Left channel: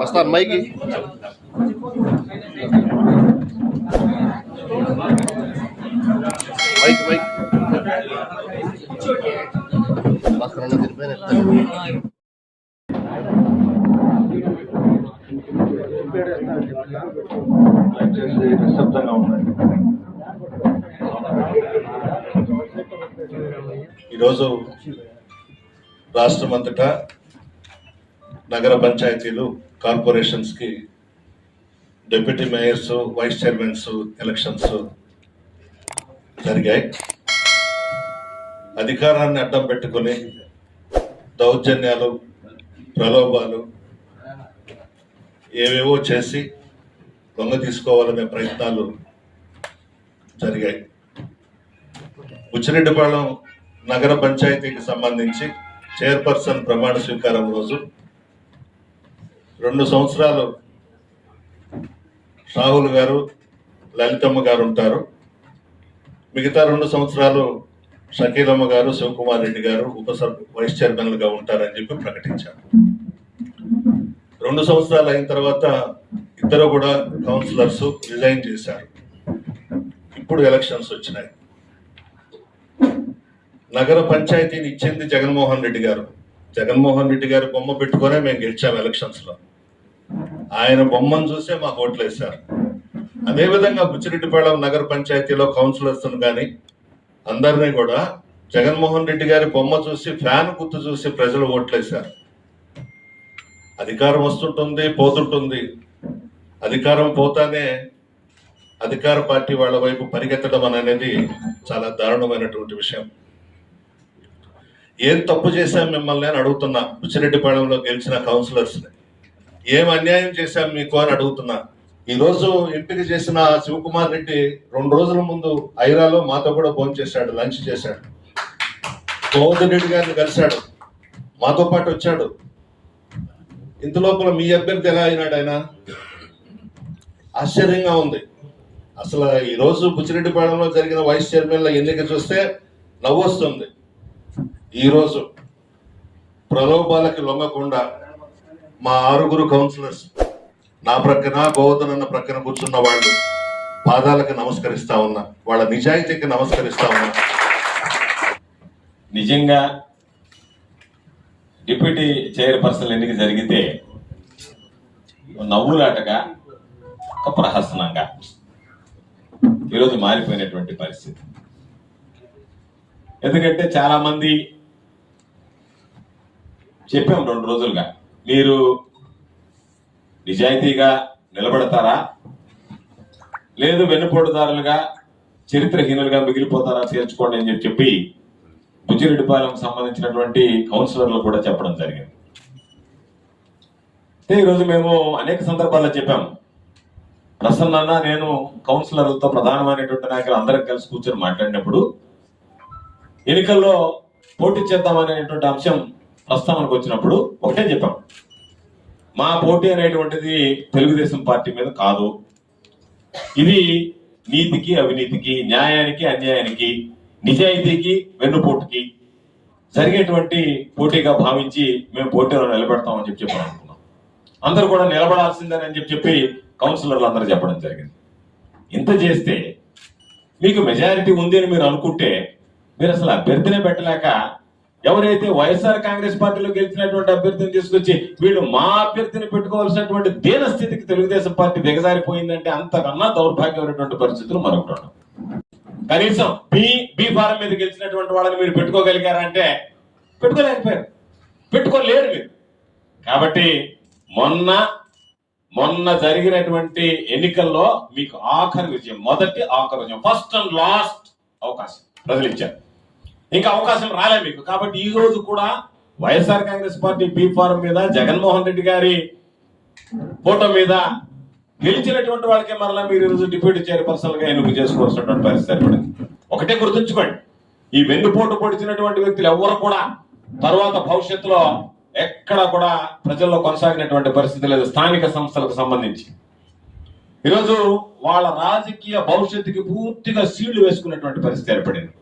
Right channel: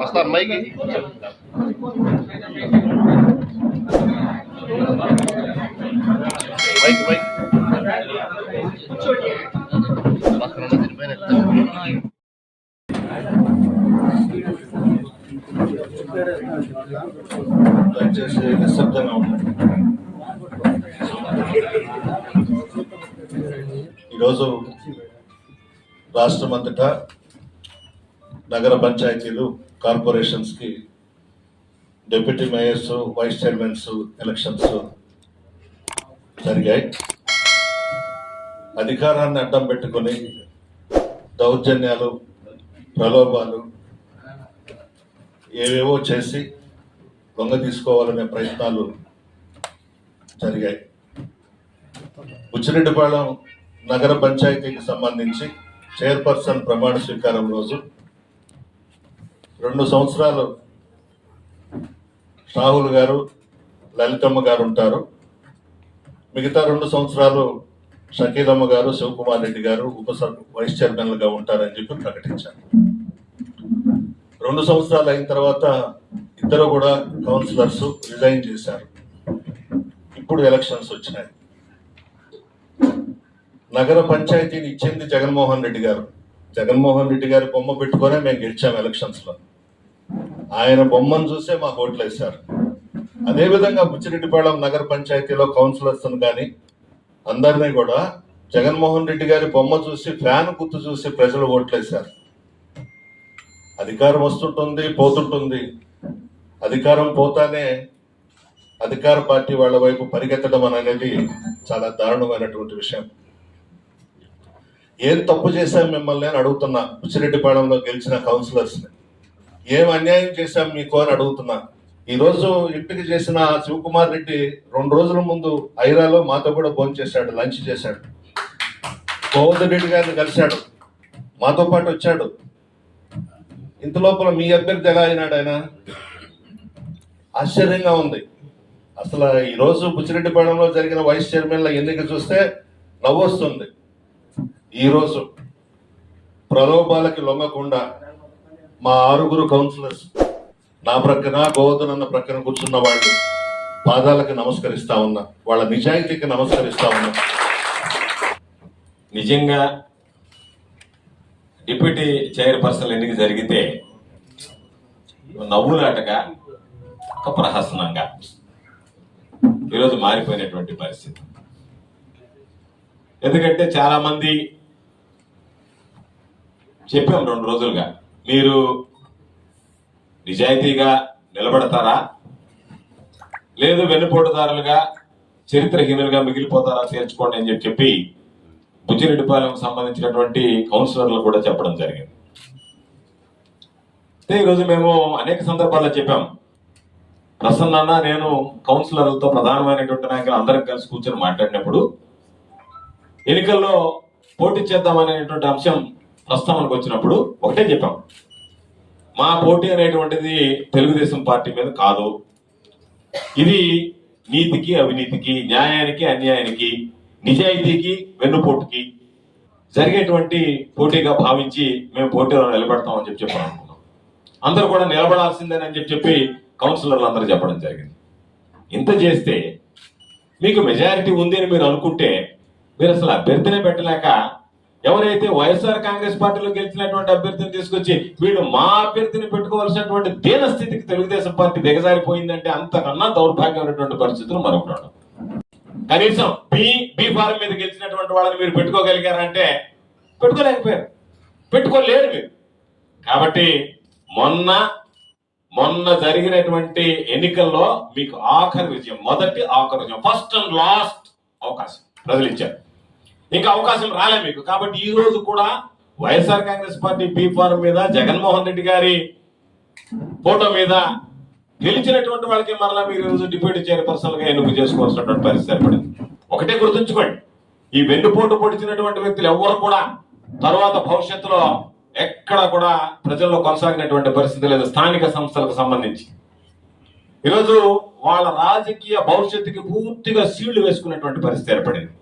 వస్తా అమ్మాయికి. మైక్ తిరిగిపోయిన దయచేసి నిశ్శబ్దంగా ఉండండి. ఈరోజు రాష్ట్రమంతటా నగర పంచాయతీలు కార్పొరేషన్స్కి deputy mayors vice chairmans elections జరిగాయి. అధికారాన్ని అడ్డం పెట్టుకొని దౌర్జన్యాలు ప్రలోభాలు ఏవేవో చేసి దొంగ తీసుకోవాలనే ప్రయత్నాలు జరిగాయి. బుచ్చిరెడ్డిపాళెం నగర పంచాయతీకి సంబంధించి చైర్పర్సన్ ప్రమాణ స్వీకారం రోజు రెండు సంవత్సరాలు రాహుల్ గారు లలితమ్మ గారు ఉంటారు. మిగతా రెండు సంవత్సరాలు షకీలమ్మ గారు శివకుమార్ రెడ్డి గారు ఉప వైస్ చైర్మన్లుగా ఉంటారని చెప్పి ప్రకటించారు. రెండు సంవత్సరాలు అయిన తర్వాత ఇద్దరు కూడా కౌన్సిలర్స్ రిజైన్ చేశారు. ఇప్పుడు ఎలక్షన్స్ వచ్చినాయి. నగర పంచాయతీని ఇచ్చింది జగన్మోహన్ రెడ్డి గారు. జగన్మోహన్ రెడ్డి గారు బొమ్మ పెట్టుకునే మేము గెలిచాం ఎలక్షన్స్లో. ఆయన బొమ్మను చూసే మాకు ఓట్లు వేశారు. అదేవిధంగా బుచ్చిరెడ్డిపాళెం నగర పంచాయతీలో కౌన్సిలర్స్ను కానీ అందరినీ కూడా జగన్మోహన్ రెడ్డి గారి బొమ్మ చూసి ఫ్యాన్ గుర్తు చూసి ప్రజలు ఓట్లేశారు అధికారం వస్తుంటుంది పోతుంటుంది. అధికారం పోతానే అధికార పార్టీ వాళ్ళ వైపు పరిగెత్తడం అనేది చాలా దారుణమైనటువంటి విషయం. ఏం తప్పు చేశాం మిమ్మల్ని అని అడుగుతున్నా బుచ్చిరెడ్డిపాళెంలో గెలిచిన కౌన్సిలర్స్ని. ఏం అన్యాయం చేశాం మీకు అని అడుగుతున్నా. ఈరోజు ఎంపిక చేసిన శివకుమార్ రెడ్డి రెండు రోజుల ముందు ఐరాలో మాతో కూడా ఫోన్ చేశాడు లంచ్ చేశాడు. గోవర్ధన్ రెడ్డి గారిని కలిశాడు. మాతో పాటు వచ్చాడు. ఇంత లోపల మీ అభ్యర్థి ఎలా అయినాడు ఆయన? ఆశ్చర్యంగా ఉంది. అసలు ఈరోజు బుచ్చిరెడ్డిపాళెంలో జరిగిన వైస్ చైర్మన్ల ఎన్నిక చూస్తే నవ్వొస్తుంది. ఈరోజు ప్రలోభాలకి లొంగకుండా మా ఆరుగురు కౌన్సిలర్స్ నా ప్రక్కన గోవర్ధన్ అన్న ప్రక్కన కూర్చున్న వాళ్ళు పాదాలకు నమస్కరిస్తా ఉన్నా వాళ్ళ నిజాయితీకి నమస్కరిస్తా ఉన్నా. నిజంగా డిప్యూటీ చైర్పర్సన్ ఎన్నిక జరిగితే నవ్వులాటగా ఒక ప్రహసనంగా ఈరోజు మారిపోయినటువంటి పరిస్థితి. ఎందుకంటే చాలామంది చెప్పాం రెండు రోజులుగా మీరు నిజాయితీగా నిలబడతారా? లేదు వెన్నుపోటుదారులుగా చరిత్రహీనులుగా మిగిలిపోతారా తీర్చుకోండి అని చెప్పి చెప్పి బుజ్జిరెడ్డిపాలెం సంబంధించినటువంటి కౌన్సిలర్లు కూడా చెప్పడం జరిగింది. అయితే ఈరోజు మేము అనేక సందర్భాల్లో చెప్పాం. ప్రసన్న నేను కౌన్సిలర్లతో ప్రధానమైనటువంటి నాయకులు అందరం కలిసి కూర్చొని మాట్లాడినప్పుడు ఎన్నికల్లో పోటీ చేద్దామనేటువంటి అంశం ప్రస్తావనకు వచ్చినప్పుడు ఒకటే చెప్పాం. మా పోటీ అనేటువంటిది తెలుగుదేశం పార్టీ మీద కాదు. ఇది నీతికి అవినీతికి న్యాయానికి అన్యాయానికి నిజాయితీకి వెన్నుపోటుకి జరిగేటువంటి పోటీగా భావించి మేము పోటీలో నిలబెడతామని చెప్పి చెప్పాను అనుకున్నాం. అందరూ కూడా నిలబడాల్సిందేనని చెప్పి చెప్పి కౌన్సిలర్లు అందరూ చెప్పడం జరిగింది. ఇంత చేస్తే మీకు మెజారిటీ ఉంది అని మీరు అనుకుంటే మీరు అసలు అభ్యర్థినే పెట్టలేక ఎవరైతే వైఎస్ఆర్ కాంగ్రెస్ పార్టీలో గెలిచినటువంటి అభ్యర్థిని తీసుకొచ్చి వీళ్ళు మా అభ్యర్థిని పెట్టుకోవాల్సినటువంటి దీన స్థితికి తెలుగుదేశం పార్టీ దిగజారిపోయిందంటే అంతకన్నా దౌర్భాగ్యమైనటువంటి పరిస్థితులు మరొకటి కనీసం బి బి ఫారం మీద గెలిచినటువంటి వాళ్ళని మీరు పెట్టుకోగలిగారంటే పెట్టుకోలేకపోయారు. పెట్టుకోలేరు మీరు. కాబట్టి మొన్న మొన్న జరిగినటువంటి ఎన్నికల్లో మీకు ఆఖరి విజయం మొదటి ఆఖరి విజయం ఫస్ట్ అండ్ లాస్ట్ అవకాశం ప్రజలు ఇచ్చారు. ఇంకా అవకాశం రాలే మీకు. కాబట్టి ఈ రోజు కూడా YSR Congress party B form మీద జగన్మోహన్ రెడ్డి గారి ఫోటో మీద గెలిచినటువంటి వాళ్ళకి మరలా మీరు ఈరోజు డిప్యూటీ చైర్పర్సన్గా ఎన్నిక చేసుకోవాల్సినటువంటి పరిస్థితి ఏర్పడింది. ఒకటే గుర్తుంచుకోండి. ఈ వెన్నుపోటు పొడిచినటువంటి వ్యక్తులు ఎవరు కూడా తర్వాత భవిష్యత్తులో ఎక్కడ కూడా ప్రజల్లో కొనసాగినటువంటి పరిస్థితి లేదు స్థానిక సంస్థలకు సంబంధించి. ఈరోజు వాళ్ళ రాజకీయ భవిష్యత్తుకి పూర్తిగా సీళ్ళు వేసుకున్నటువంటి పరిస్థితి ఏర్పడింది.